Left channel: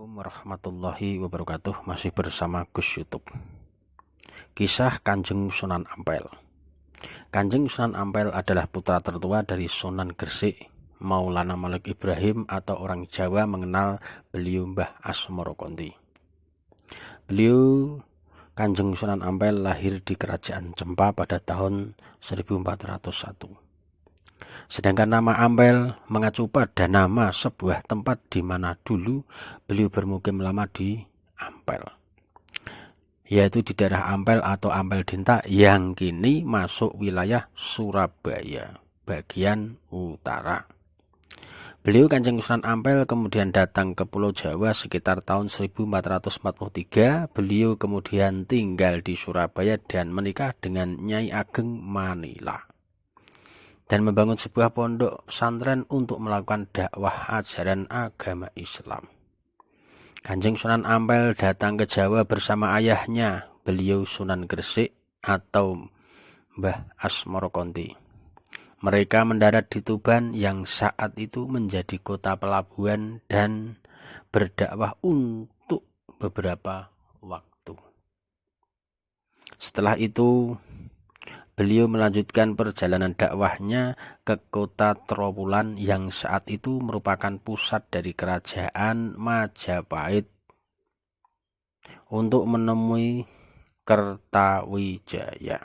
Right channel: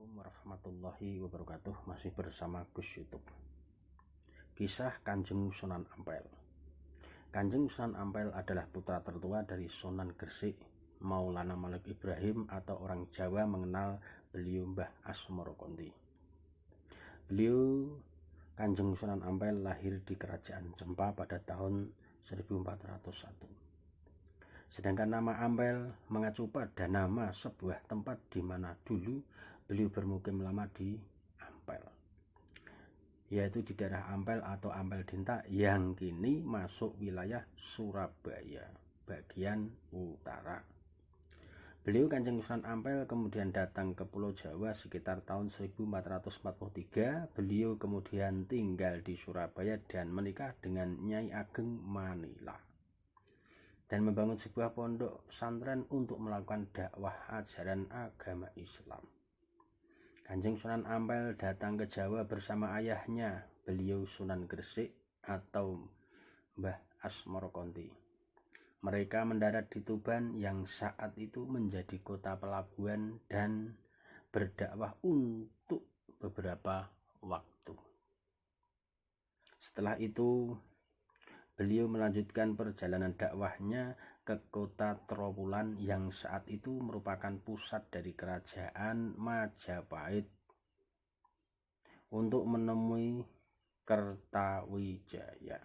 Assalamualaikum warahmatullahi wabarakatuh. Masih bersama Gus YouTube. Kisah Kanjeng Sunan Ampel. Kanjeng Sunan Ampel adalah putra tertua dari Sunan Gresik, Maulana Malik Ibrahim, atau orang Jawa mengenal beliau Mbah Asmoro Konti. Beliau Kanjeng Sunan Ampel lahir di Kerajaan Cempa pada tahun 1401. Sedangkan nama Ampel mengacu pada nama sebuah tempat di mana dulu beliau bermukim lama di Ampel, yaitu di daerah Ampel atau Ampel Dinta yang kini masuk wilayah Surabaya bagian utara. Beliau Kanjeng Sunan Ampel kemudian datang ke Pulau Jawa sekitar tahun 1443. Beliau kemudian tinggal di Surabaya dan menikah dengan Nyai Ageng Manila dan membangun sebuah pondok pesantren untuk melakukan dakwah ajaran agama Islam. Kanjeng Sunan Ampel datang ke Jawa bersama ayahnya, beliau Sunan Gresik atau Mbah Asmoro Konti. Mereka mendarat di Tuban yang saat itu menjadi kota pelabuhan dan berdakwah untuk beberapa waktu. Setelah itu beliau melanjutkan perjalanan dakwahnya ke kota Trowulan yang saat itu merupakan pusat dari kerajaan Majapahit untuk menemui Kertawijaya.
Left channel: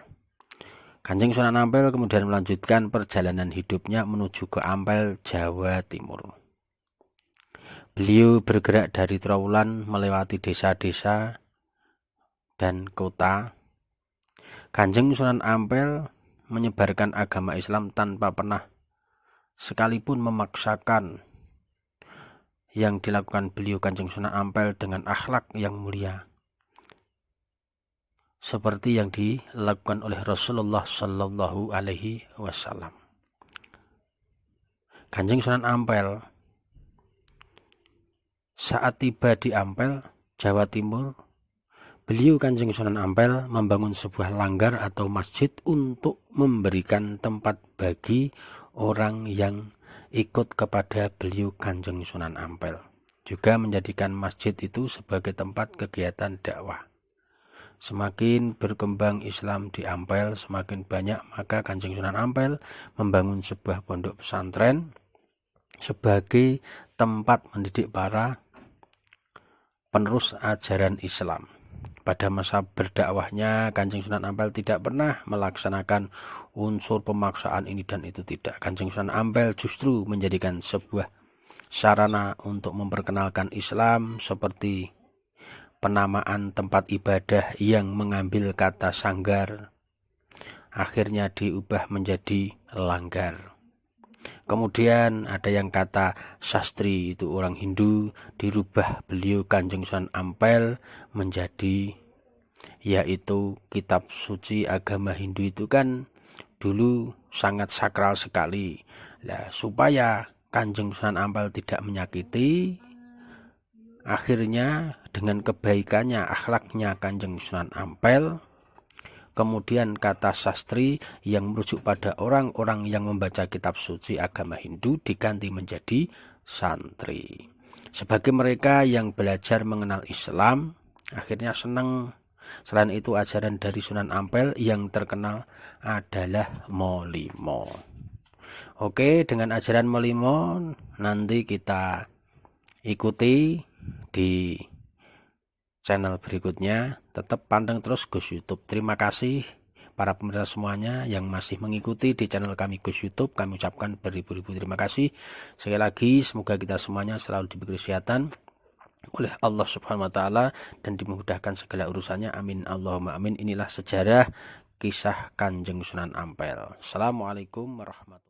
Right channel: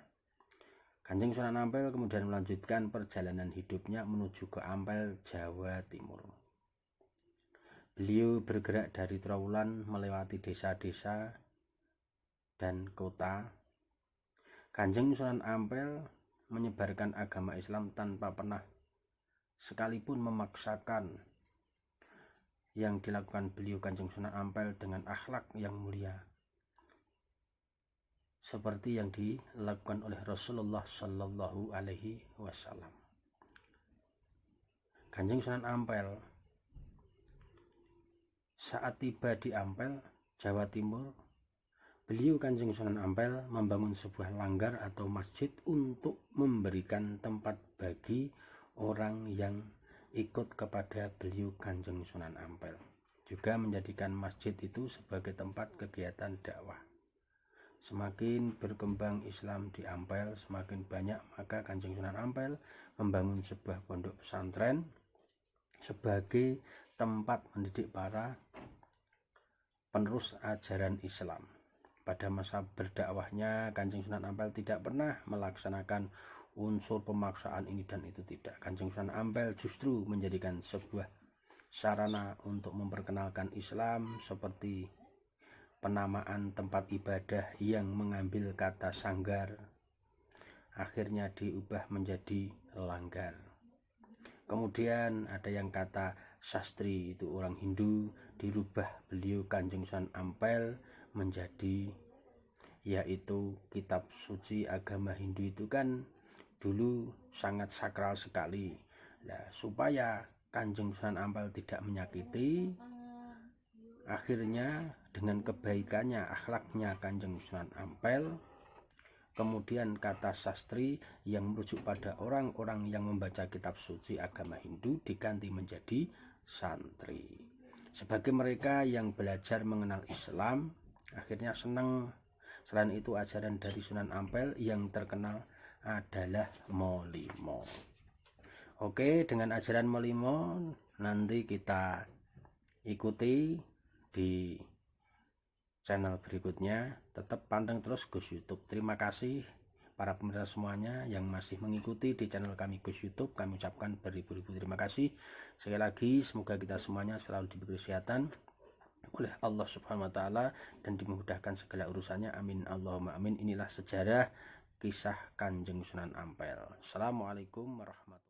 Kanjeng Sunan Ampel kemudian melanjutkan perjalanan hidupnya menuju ke Ampel, Jawa Timur. Beliau bergerak dari Trowulan melewati desa-desa dan kota. Kanjeng Sunan Ampel menyebarkan agama Islam tanpa pernah sekalipun memaksakan. Yang dilakukan beliau Kanjeng Sunan Ampel dengan akhlak yang mulia, seperti yang dilakukan oleh Rasulullah Shallallahu Alaihi Wasallam. Kanjeng Sunan Ampel saat tiba di Ampel, Jawa Timur, beliau Kanjeng Sunan Ampel membangun sebuah langgar atau masjid untuk memberikan tempat bagi orang yang ikut kepada beliau Kanjeng Sunan Ampel. Juga menjadikan masjid itu sebagai tempat kegiatan dakwah. Semakin berkembang Islam di Ampel, semakin banyak, maka Kanjeng Sunan Ampel membangun sebuah pondok pesantren sebagai tempat mendidik para penerus ajaran Islam. Pada masa berdakwahnya, Kanjeng Sunan Ampel tidak pernah melaksanakan unsur pemaksaan ini dan itu, tidak. Kanjeng Sunan Ampel justru menjadikan sebuah sarana untuk memperkenalkan Islam, seperti penamaan tempat ibadah yang mengambil kata sanggar akhirnya diubah menjadi langgar. Kemudian ada yang kata sastri, itu orang Hindu, dirubah beliau Kanjeng Sunan Ampel menjadi, yaitu kitab suci agama Hindu itu kan dulu sangat sakral sekali. Nah, supaya Kanjeng Sunan Ampel tidak menyakiti, akhirnya dengan kebaikannya, akhlaknya Kanjeng Sunan Ampel, kemudian kata sastri yang merujuk pada orang-orang yang membaca kitab suci agama Hindu diganti menjadi santri. Sebagai mereka yang belajar mengenal Islam, akhirnya senang. Selain itu, ajaran dari Sunan Ampel yang terkenal adalah Molimo. Oke, dengan ajaran Molimo nanti kita ikuti di channel berikutnya. Tetap pandang terus Gus YouTube. Terima kasih para pemirsa semuanya yang masih mengikuti di channel kami Gus YouTube. Kami ucapkan beribu-ribu terima kasih. Sekali lagi, semoga kita semuanya selalu diberi kesehatan oleh Allah Subhanahu wa Ta'ala dan dimudahkan segala urusannya. Amin Allahumma amin. Inilah sejarah kisah Kanjeng Sunan Ampel. Assalamualaikum warahmatullahi wabarakatuh.